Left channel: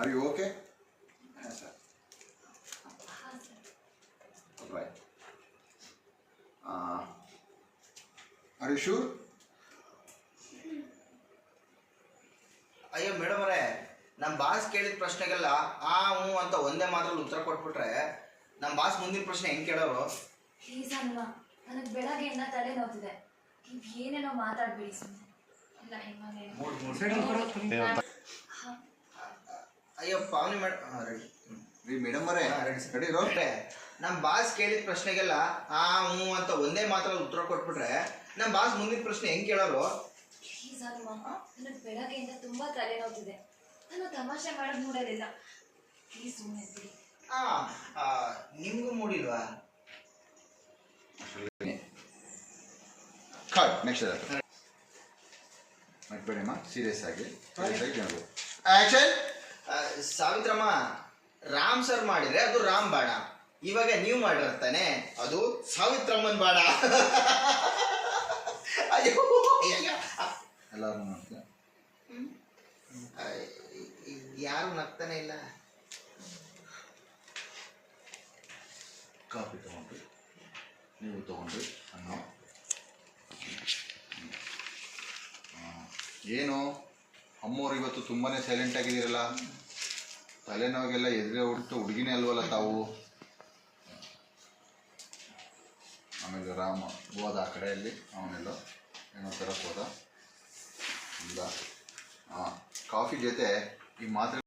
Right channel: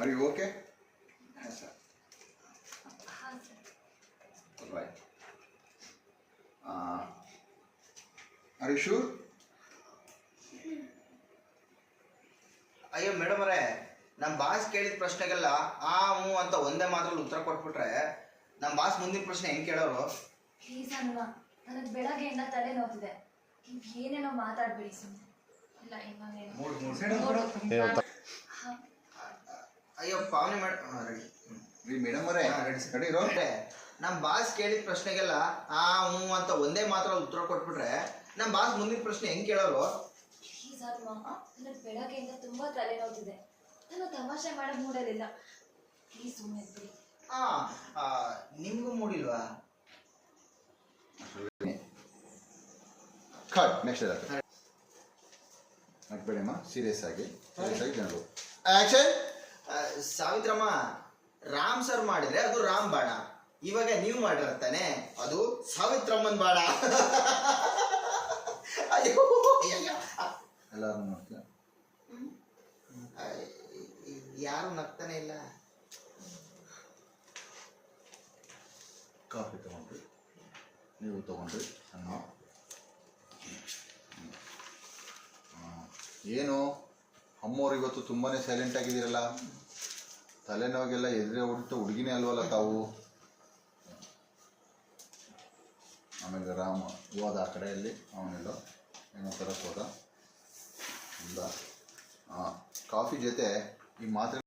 Are you okay? Yes, sir. Right. Are you sure? ಅಯ್ಯೋ madam ಅವರೇ, ನಮ್ಮ boss ಕೇಳಿದ ಪ್ರಶ್ನೆಗೆಲ್ಲ ಆ ಹ್ಞೂ ಅಂತ ಒಂದೇ ಮಾತ್ರಲ್ಲಿ ಉತ್ತರ ಕೊಟ್ಬಿಟ್ರೆ ನಮ್ಮ ಬಾಸ್ ಮುಂದಿನ ಪ್ರಶ್ನೆ ಹೆಂಗೆ ಕೇಳೋರು? ಪ್ಲೀಸ್ ಅಲ್ವಾ, ನನಗೆ ಬೆಳಗ್ಗೆಯಿಂದ ತಲೆ ನೋವ್ತಿದೆ. ನೀವು ಏನೇನೋ ಮಾತಾಡಬೇಡಿ ಸುಮ್ಮನೆ. ಇಲ್ಲ ಅಯ್ಯೋ ಪಾವನಿ ಮೇಡಮ್ ರೆಡಿ ಮೇಡಮ್ ಅವರೇ ರೆಡಿ ರೋಟ್ರೆ, ನಮ್ಮ ಬಾಸ್ ಕೇಳಿದ ಪ್ರಶ್ನೆಗೆಲ್ಲ ಆ ಹ್ಞೂ ಅಂತ ಒಂದೇ ಮಾತ್ರಲ್ಲಿ ಉತ್ತರ ಕೊಟ್ಬಿಟ್ರೆ ನಮ್ಮ ಬಾಸ್ ಮುಂದಿನ ಪ್ರಶ್ನೆ ಹೆಂಗೆ ಕೇಳೋರು? ಪ್ಲೀಸ್ ಅಲ್ವಾ, ನನಗೆ ಬೆಳಗ್ಗೆಯಿಂದ ತುಂಬ ತಲೆ ನೋವ್ತಿದೆ. ನಾನು ತಮಾಷೆ ಮಾಡೋದು ಮೂಡಲಿಲ್ಲ. ಪ್ಲೀಸ್ ಸುಮ್ಮನೆ ಬಿಡಿ. ನಿಮಗೂ ಮೂಡಿಲ್ವಾ? ಕಟ್ ನೆಕ್ಸ್ಟ್ ಮಾಡ್ಬೇಡಮ್ಮ, ಸೀರಿಯಸ್ ಆಗಿ ಜನರು ಆಕ್ಷನ್. ಸಾವಿತ್ರಮ್ಮ, ರಾಮ್ ಸರ್ ಮಾಡಿದ್ರೆ ಅದು ರಾಮ್ ಬಾಣ, ಇವಾಗ ನೀವು ಮಾಡಿರ್ತಾನೆ ಅದು ಸಾವಿತ್ರಮ್ಮನ್ ಬಾಣ. ಅಯ್ಯೋ ಎಲ್ಲರೂ ಮಾಡ್ತೀಯ, ಯಾರು ನಗ್ತಾನೆ ಇಲ್ಲ. ಕಾಫಿ ತಗೊಂಡ್ರಿ, ನೀವು ತಗೊಂಡ್ರಿ ಅನ್ನೋ ಏನು ಅಮ್ಮವ್ರು ಇವತ್ತು ತುಂಬಾ ಸೈಲೆಂಟ್ ಆಗಿದ್ದೀರಲ್ಲ, ತಲೆನೋವಿಗೆಲ್ಲ ಎದುರೇ ಹೊಡಿತು ಹುಡುಗಿನೇ ಅಲ್ವಲ್ಲ ತಾವು. ಆಮೇಲೆ ರಾಮ ಹೋದ ಆ ಕಡೆಯಲ್ಲಿ, ಅವನೆಲ್ಲ ಏನೋ ಥರಕ್ಕೆ ಹೋದ ಇಲ್ಲ. ಕಾಫಿ ಜೊತೆ ಈ ಮಾತ್ರೆ